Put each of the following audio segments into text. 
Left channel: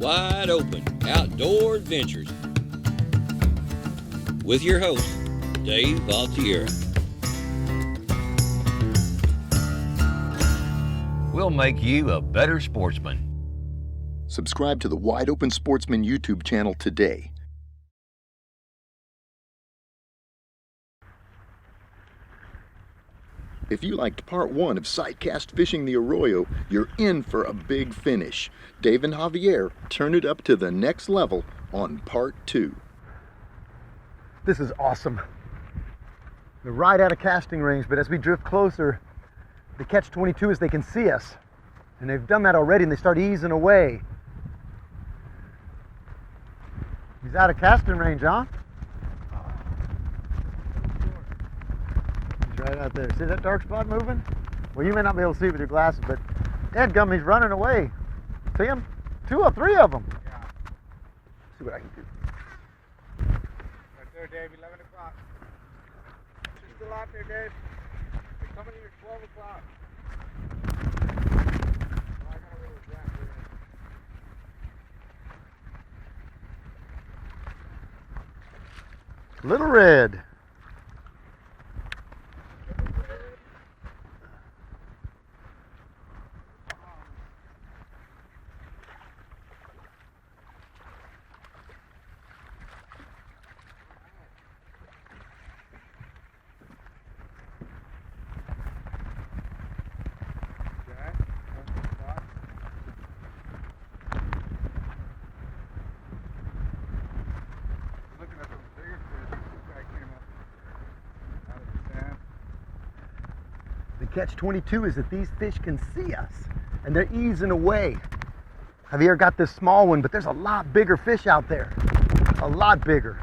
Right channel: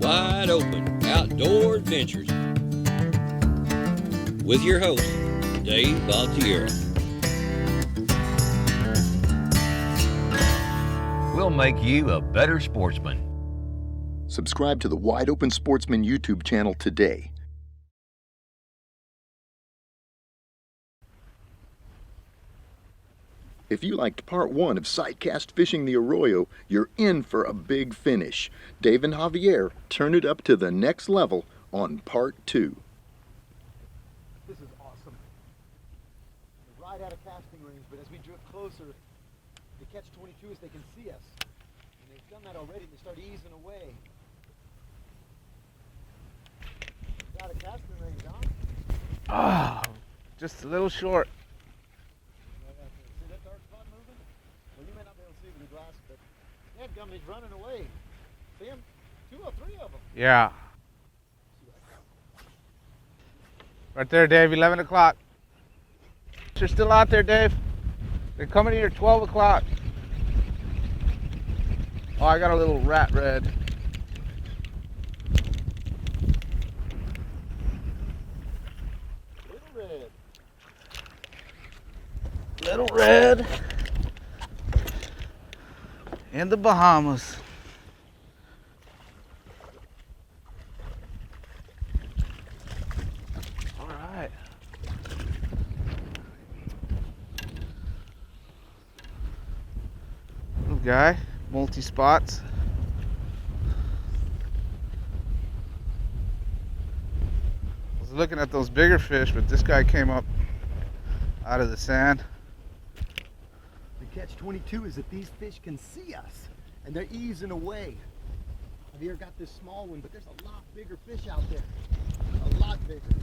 Wide Open Outdoor Adventures with your host, Dave Altieri. We'll make you a better sportsman. Subscribe to the Wide Open Sportsman YouTube channel today. If you liked part 1 of Sidecast Fishing the Arroyo, you're in for a big finish. Dave and Javier turn it up to the next level on part 2. This is awesome. We're right out of casting range, but as we drift closer, the catch-22 is they can see us. And they've done that already, and they start easing away. He's out of casting range, huh? Oh, just a little short. He's right out there. See that dark spot moving? Well, you may not be able to see it with your glasses, but dadgum, he's running away. See him? 2 or 3 of them. Yeah. Let's see what I can do. Right there, Dave, 11 o'clock. You're still out there, Dave. They're coming here 12 o'clock. Oh, I got a little rat red. Little red. Little red. In the Bahamas. All right. Little guy, multi-spots. I was looking at those bigger fish, but this guy came up out of the sand. The catch-22 is that these fish can see us, and they're easing away. Javier got this small one, but there's a lot bigger fish out there. A lot bigger.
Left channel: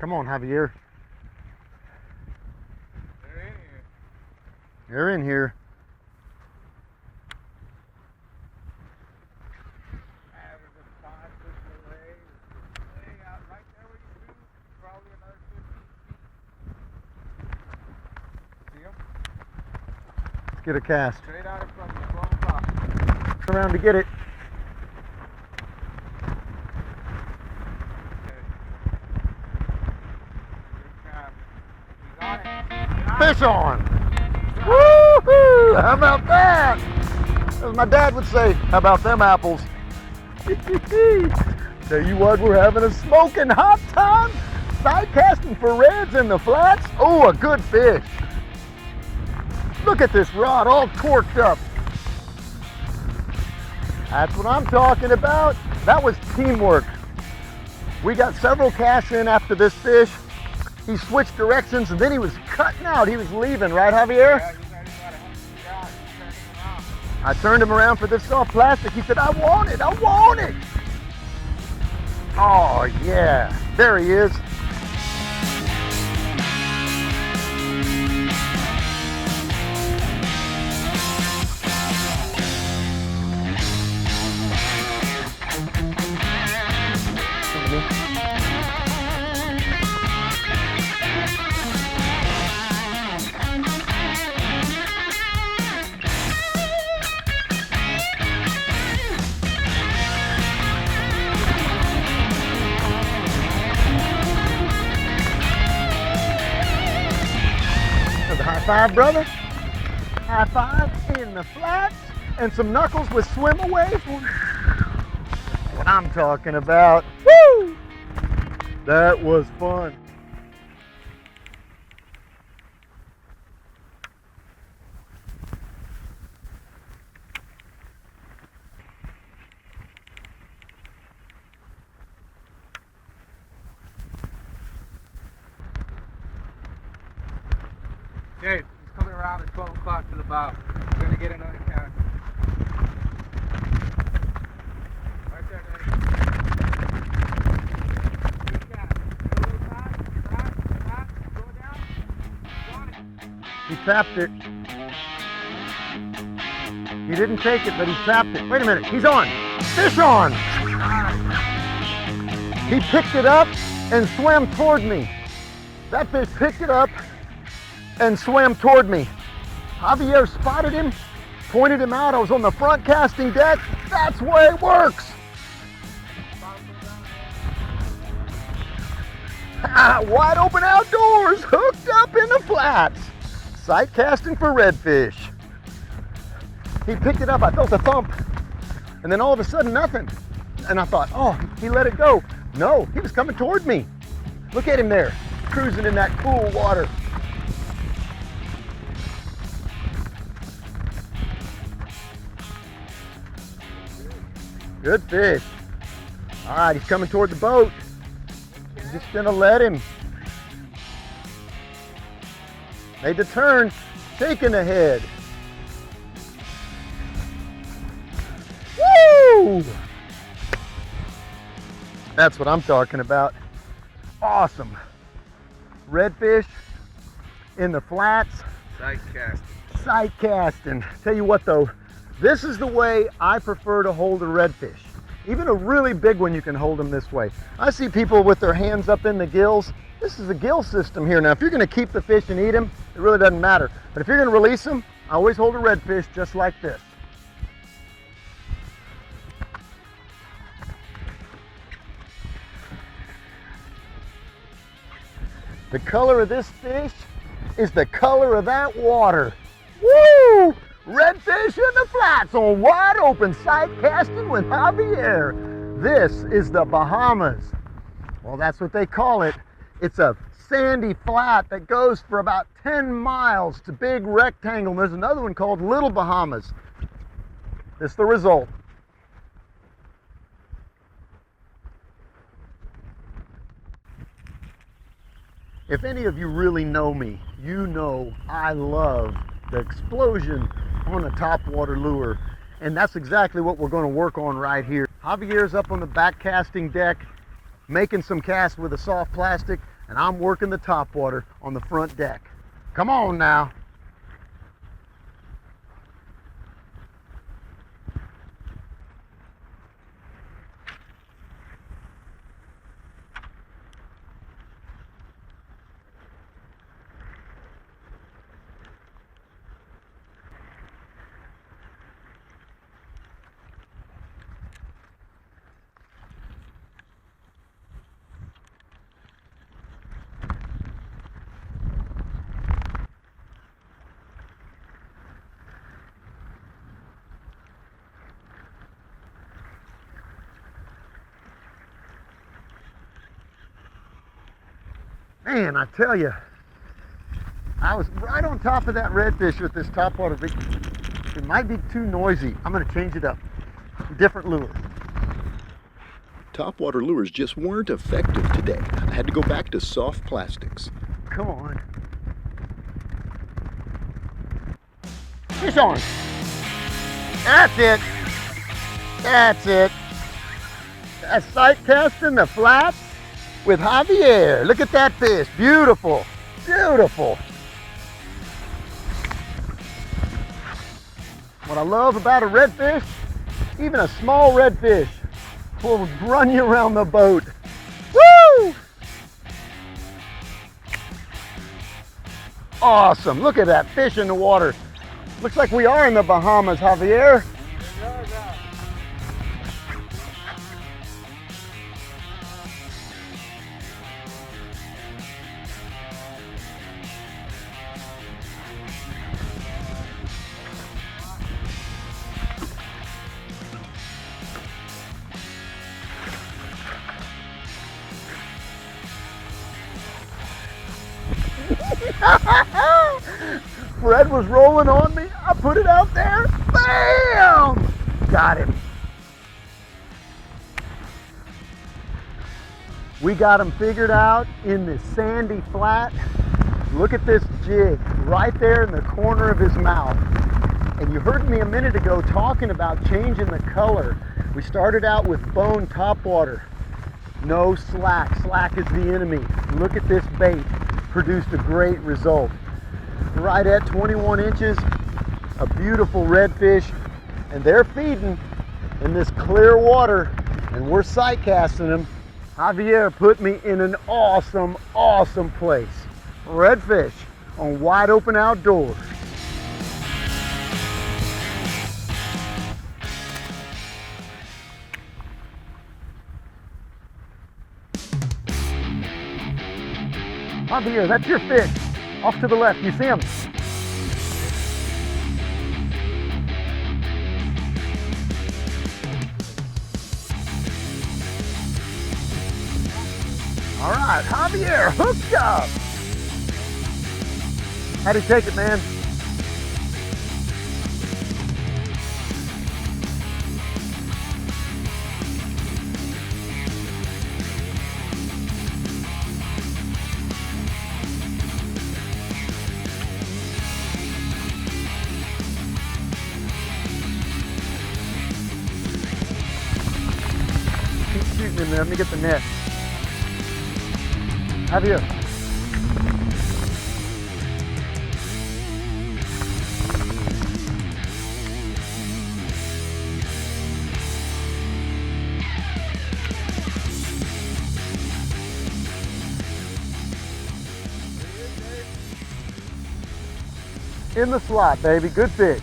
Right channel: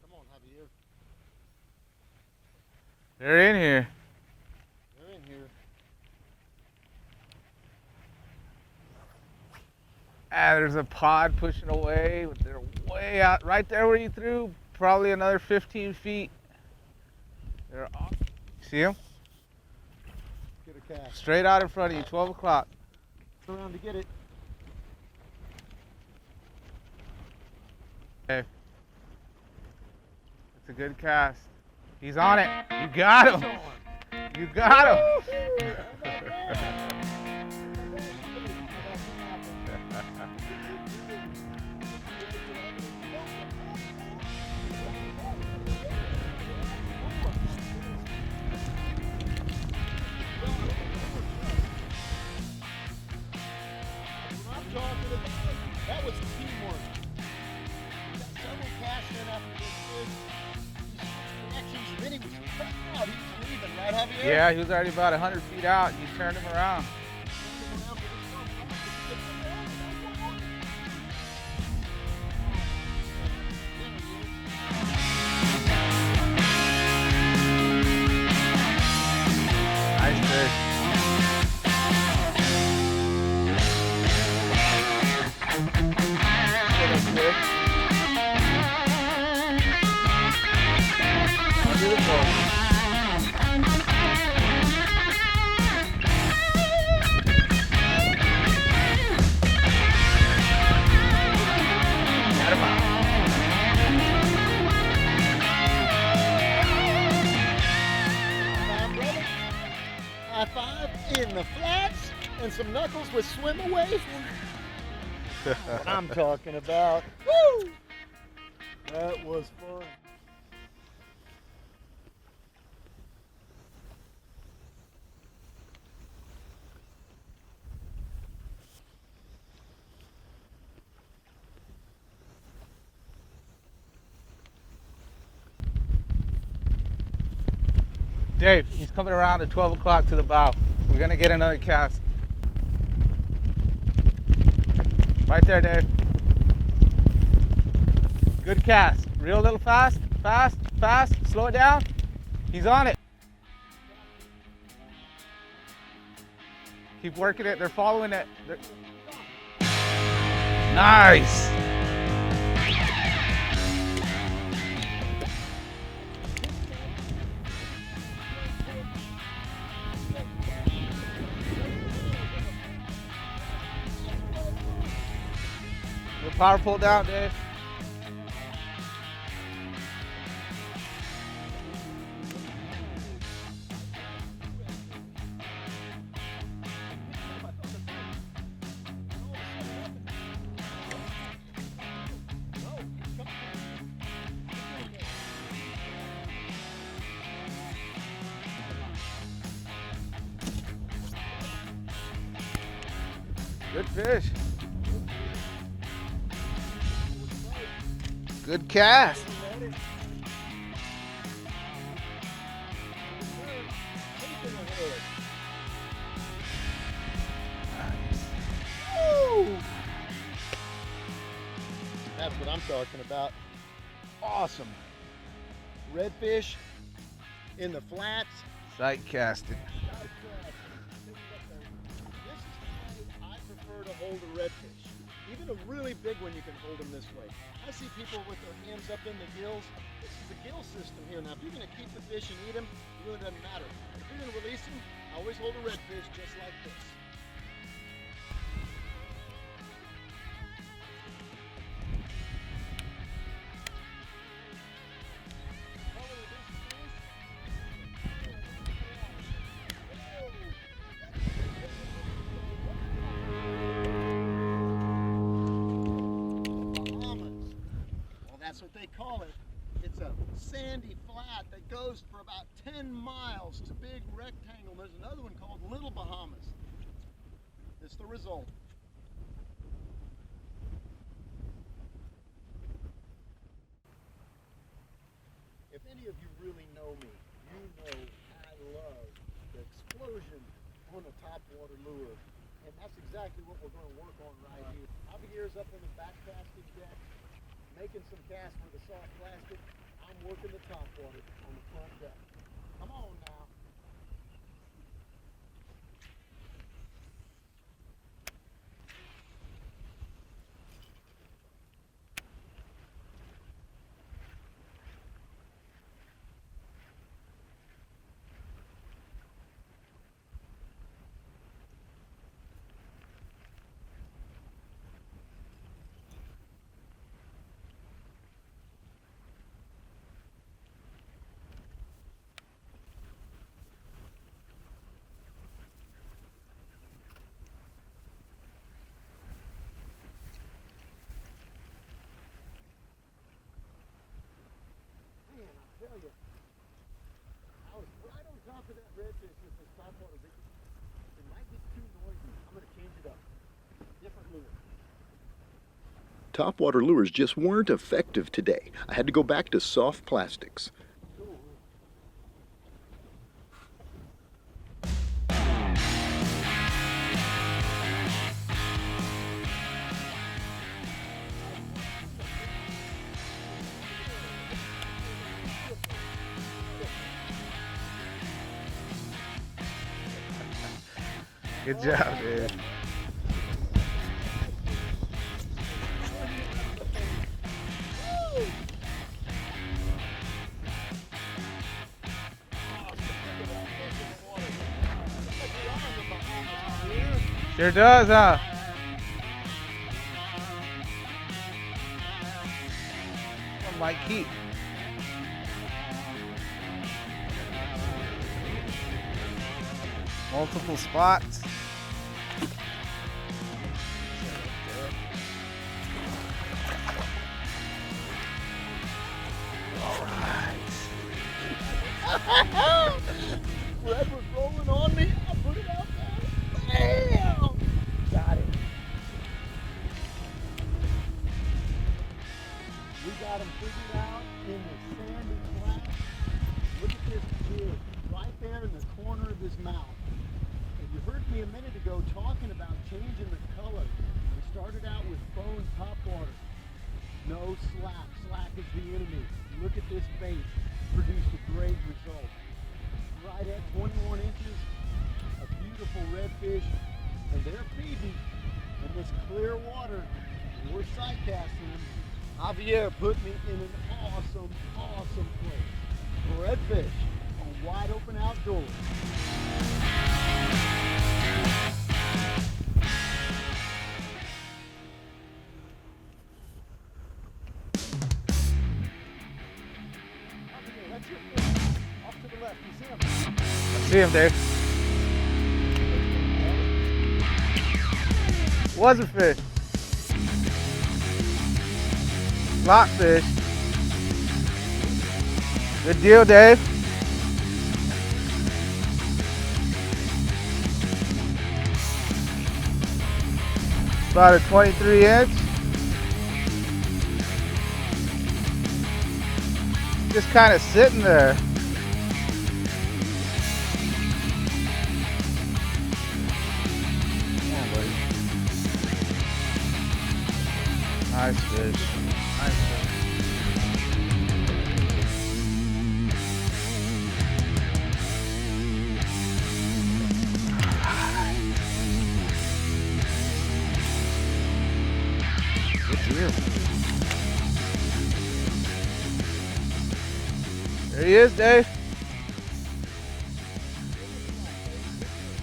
Come on, Javier. They're in here. They're in here. Ah, there's a pod pushing away. They're way out, right there where you threw. Probably another 15 feet. They're on. See them? Let's get a cast. Straight out in front of you, 12 o'clock. Turn around to get it. Okay. It's a good cast. He's on it. You got Fish him. on. You got him. Woo-hoo! How about that? As my dad would say, how about them apples? Tell you what, we're having a smoking hot time. Side casting for reds in the flats. Oh, a good fish. Look at this rod all torqued up. That's what I'm talking about. That was teamwork. We got several casts in after this fish. He switched directions and then he was cutting out. He was leaving, right, Javier? Yeah, he was already about 100 feet out. You turned him around. I turned him around for this soft plastic. He said, I want it, I want it. Oh, yeah. There he is. Nice fish. High five, brother. High five in the flats and some knuckles with swim away. What I'm talking about. Woo! That was fun. Dave, he's coming around at 12 o'clock to the bow. We're gonna get another cast. Right there, Dave. Good cast. Reel a little fast, fast, fast. Slow it down. He's on it. He tapped it. He Keep didn't working take they're it, but he following tapped it. Wait a minute, he's on. Fish on. Nice. He picked it up and swam toward me. That fish picked it up and swam toward me. Javier spotted him, pointed him out. I was on the front casting deck. That's the way it works. Your power pull down, Dave. Wide open outdoors, hooked up in the flats. Sight casting for redfish. He picked it up, I felt a thump, and then all of a sudden nothing. And I thought, oh, he let it go. No, he was coming toward me. Look at him there, cruising in that cool water. Good fish. Good fish. All right, he's coming toward the boat. Good cast. Gonna let him. Made the turn, shaking the head. Woo! That's what I'm talking about. Awesome. Redfish in the flats, Sight casting. sight casting. Tell you what though, this is the way I prefer to hold a redfish. Even a really big one, you can hold them this way. I see people with their hands up in the gills. This is a gill system here. Now, if you're gonna keep the fish and eat them, it really doesn't matter. But if you're gonna release them, I always hold a redfish just like this. The color of this fish is the color of that water. Woo! Redfish in the flats on wide open sight casting with Javier. This is the Bahamas. Well, that's what they call it. It's a sandy flat that goes for about 10 miles to Big Rectangle. There's another one called Little Bahamas. This is the result. If any of you really know me, you know I love the explosion on a topwater lure. And that's exactly what we're going to work on right here. Javier's up on the back casting deck, making some casts with a soft plastic, and I'm working the topwater on the front deck. Come on now. Man, I tell you, I was right on top of that redfish with this topwater. It might be too noisy. I'm going to change it up. Different lure. Topwater lures just weren't effective today. I had to go back to soft plastics. Come on. Fish on. That's it. That's it. That's sight casting the flats with Javier. Look at that fish. Beautiful. Beautiful. What I love about a redfish, even a small redfish will run you around the boat. Woo! Awesome. Look at that fish in the water. Looks like we are in the Bahamas, Javier. Sure does, huh? One might keep. Multiple spots. Fred was rolling on me. I put it out there. Bam! Got him. We got him figured out in the sandy flat. Look at this jig right there in the corner of his mouth. And you heard me a minute ago talking about changing the color. We started out with bone topwater. No slack. Slack is the enemy. Look at this bait. Produced a great result. right at 21 inches. A beautiful redfish, and they're feeding in this clear water, and we're sight casting them. Javier put me in an awesome, awesome place. Redfish on Wide Open Outdoors. Javier, that's your fish. Off to the left, you see him? See him, Dave. Was a fish. Slot fish. All right, Javier, hooked up. Good deal, Dave. How'd he take it, man? About a 23 inch. Just kind of sitting there. Excuse me, let me get the net. Javier. There he is, Dave. In the slot, baby. Good fish.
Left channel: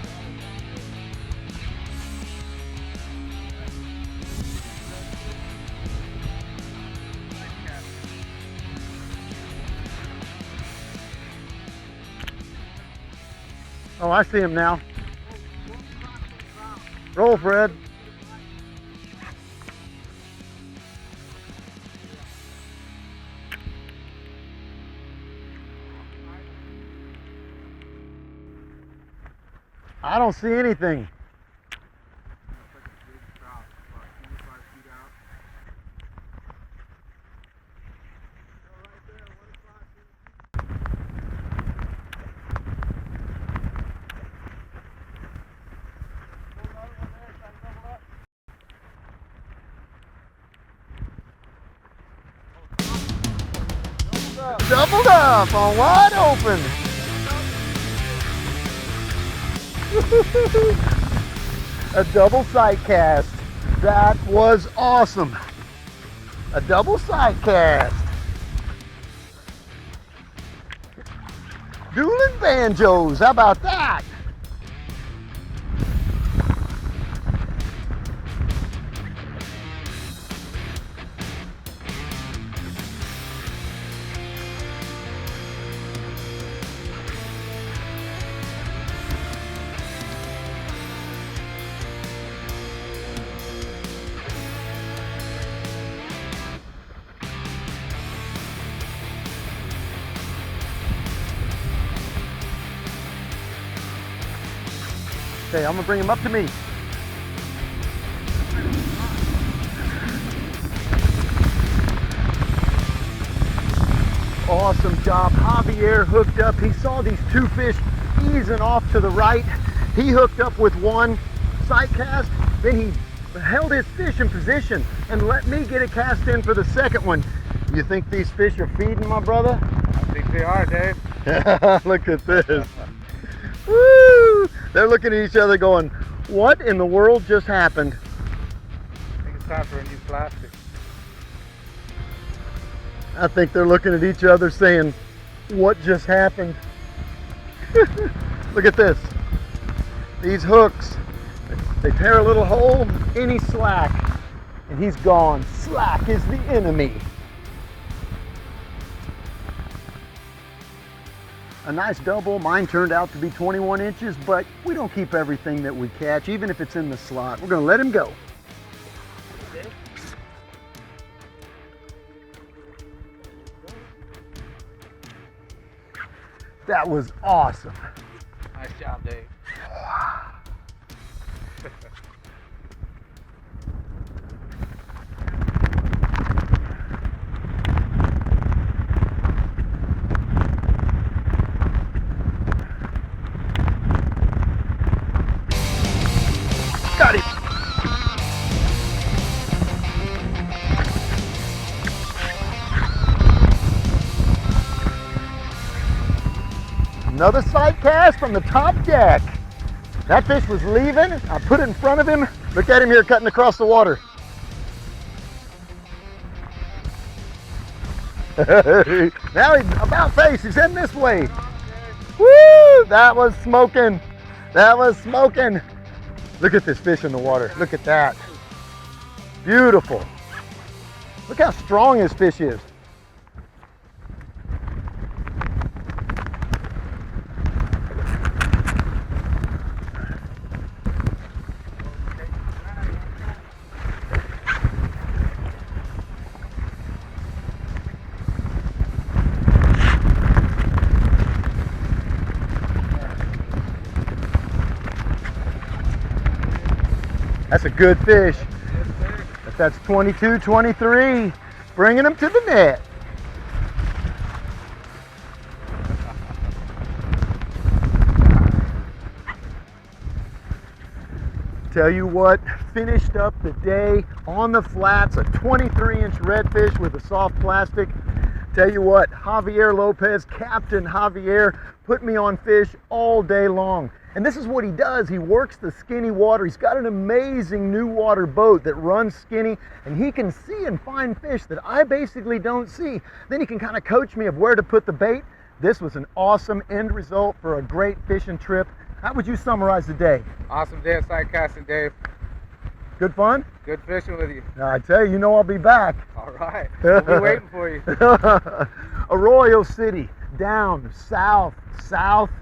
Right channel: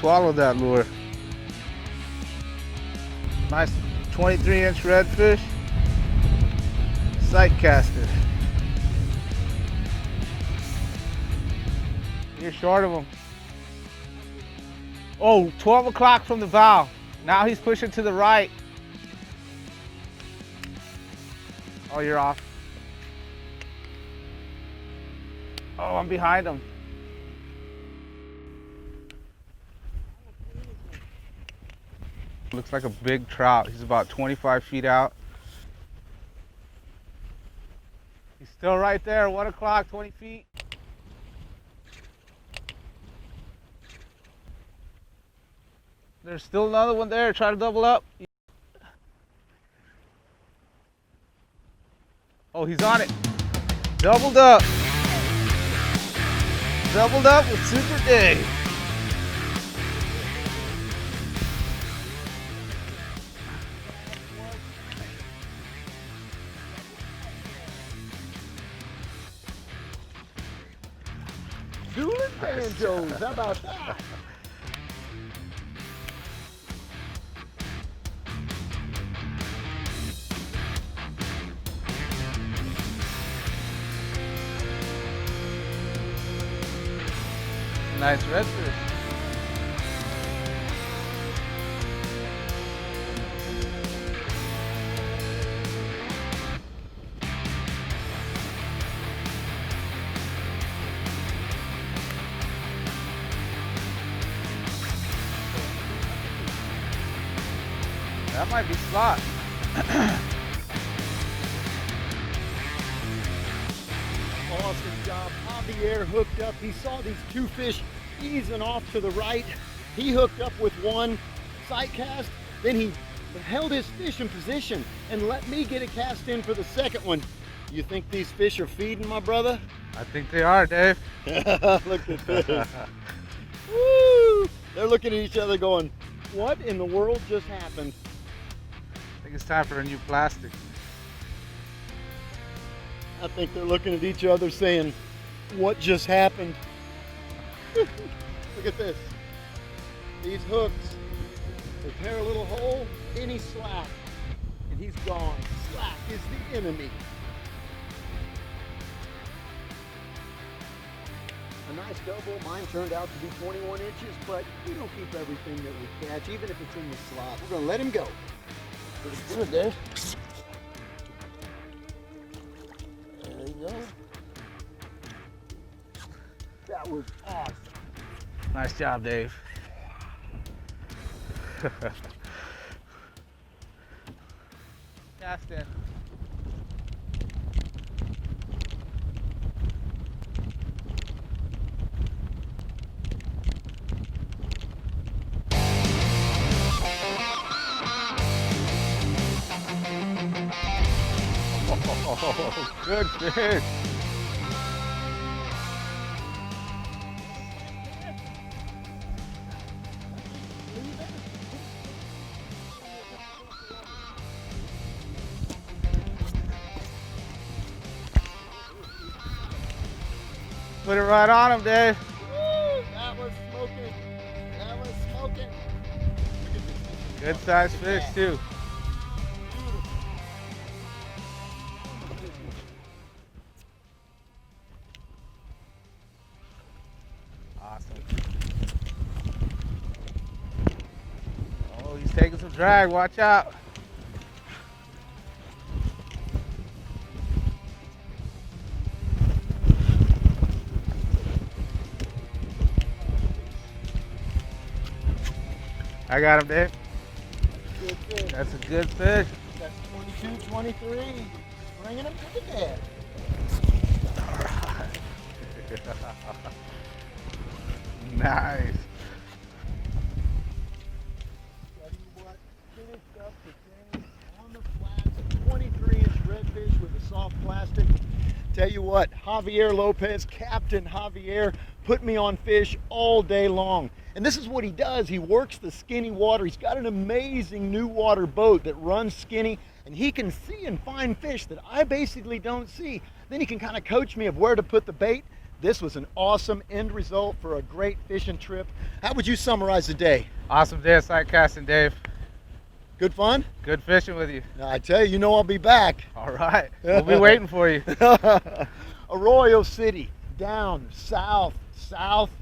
Swallowed that lure. Nice 23-inch redfish. Sight caster. You're short of him. Oh, I see him now. Oh, 12 o'clock from the bow. Roll, now Fred. he's pushing to the right. Oh, you're off. Oh, I'm behind him. I don't see anything. Looks like a big trout. He's about 25 feet out. He's still right there, 1 o'clock, 20 feet. There's still another one there. Try to double up. Oh, he's on it. Doubled up. Doubled up on Wide Open. Doubled up with Super Dave. A double sight cast. That was awesome. A double sight cast. Dueling banjos. How about that? Nice redfish. Okay, I'm gonna bring him up to me. That might be a spot. Awesome job. Javier hooked up. He saw these two fish easing off to the right. He hooked up with one sight cast. Then he held his fish in position and let me get a cast in for the second one. You think these fish are feeding, my brother? I think they are, Dave. Look at this. Woo! They're looking at each other going, what in the world just happened? I think it's time for a new plastic. I think they're looking at each other saying, what just happened? Look at this. These hooks, they tear a little hole, any slack, and he's gone. Slack is the enemy. A nice double. Mine turned out to be 21 inches, but we don't keep everything that we catch, even if it's in the slot. We're gonna let him go. Good, Dave. That was awesome. Nice job, Dave. That's good. Got it. Good fish. Another sight cast from the top deck. That fish was leaving. I put it in front of him. Look at him here cutting across the water. Now he's about face. He's heading this Put it way. right on him, Dave. Woo! That was smoking. That was smoking. Look at this fish in the water. Good Look size at that. fish, too. Beautiful. Look how strong this fish is. Oh, he's taking some drag. Watch out. I got him, Dave. That's a good fish. That's a good fish. That's 22, 23. Bringing him to the net. Nice. Tell you what, finished up the day on the flats, a 23-inch redfish with a soft plastic. Tell you what, Javier Lopez, Captain Javier, put me on fish all day long. And this is what he does. He works the skinny water. He's got an amazing new water boat that runs skinny, and he can see and find fish that I basically don't see. Then he can kind of coach me of where to put the bait. This was an awesome end result for a great fishing trip. How would you summarize the day? Awesome day of sight casting, Dave. Good fun? Good fishing with you. Now, I tell you, you know I'll be back. All right. We'll be waiting for you. Arroyo City, down south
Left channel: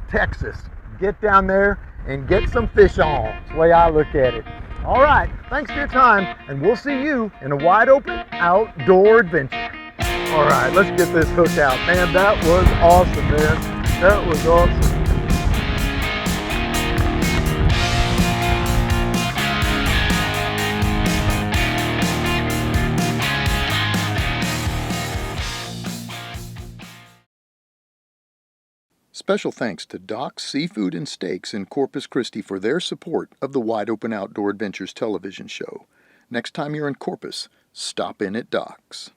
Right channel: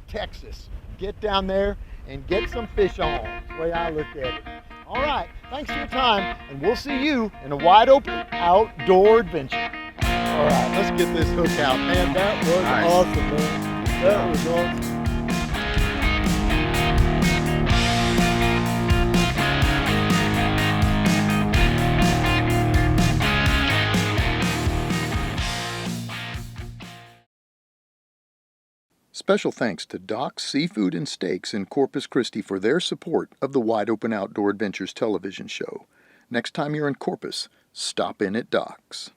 Texas. Get down there and get some fish on. That's the way I look at it. All right, thanks for your time, and we'll see you in a wide open outdoor adventure. All right, let's get this hook out. Man, that was awesome, man. That was awesome. Special thanks to Doc's Seafood and Steaks in Corpus Christi for their support of the Wide Open Outdoor Adventures television show. Next time you're in Corpus, stop in at Doc's.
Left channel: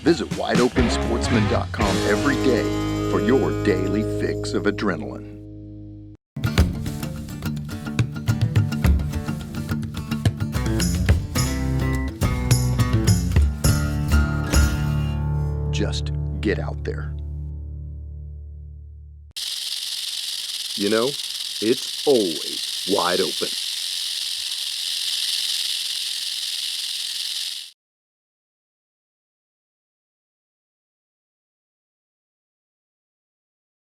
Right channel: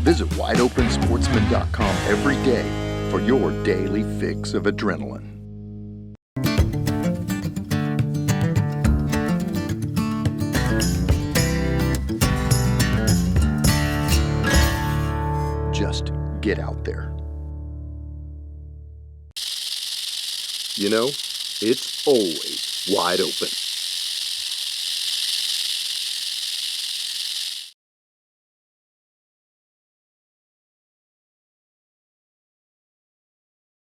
Visit WideOpenSportsman.com every day for your daily fix of adrenaline. Just get out there. You know, it's always wide open.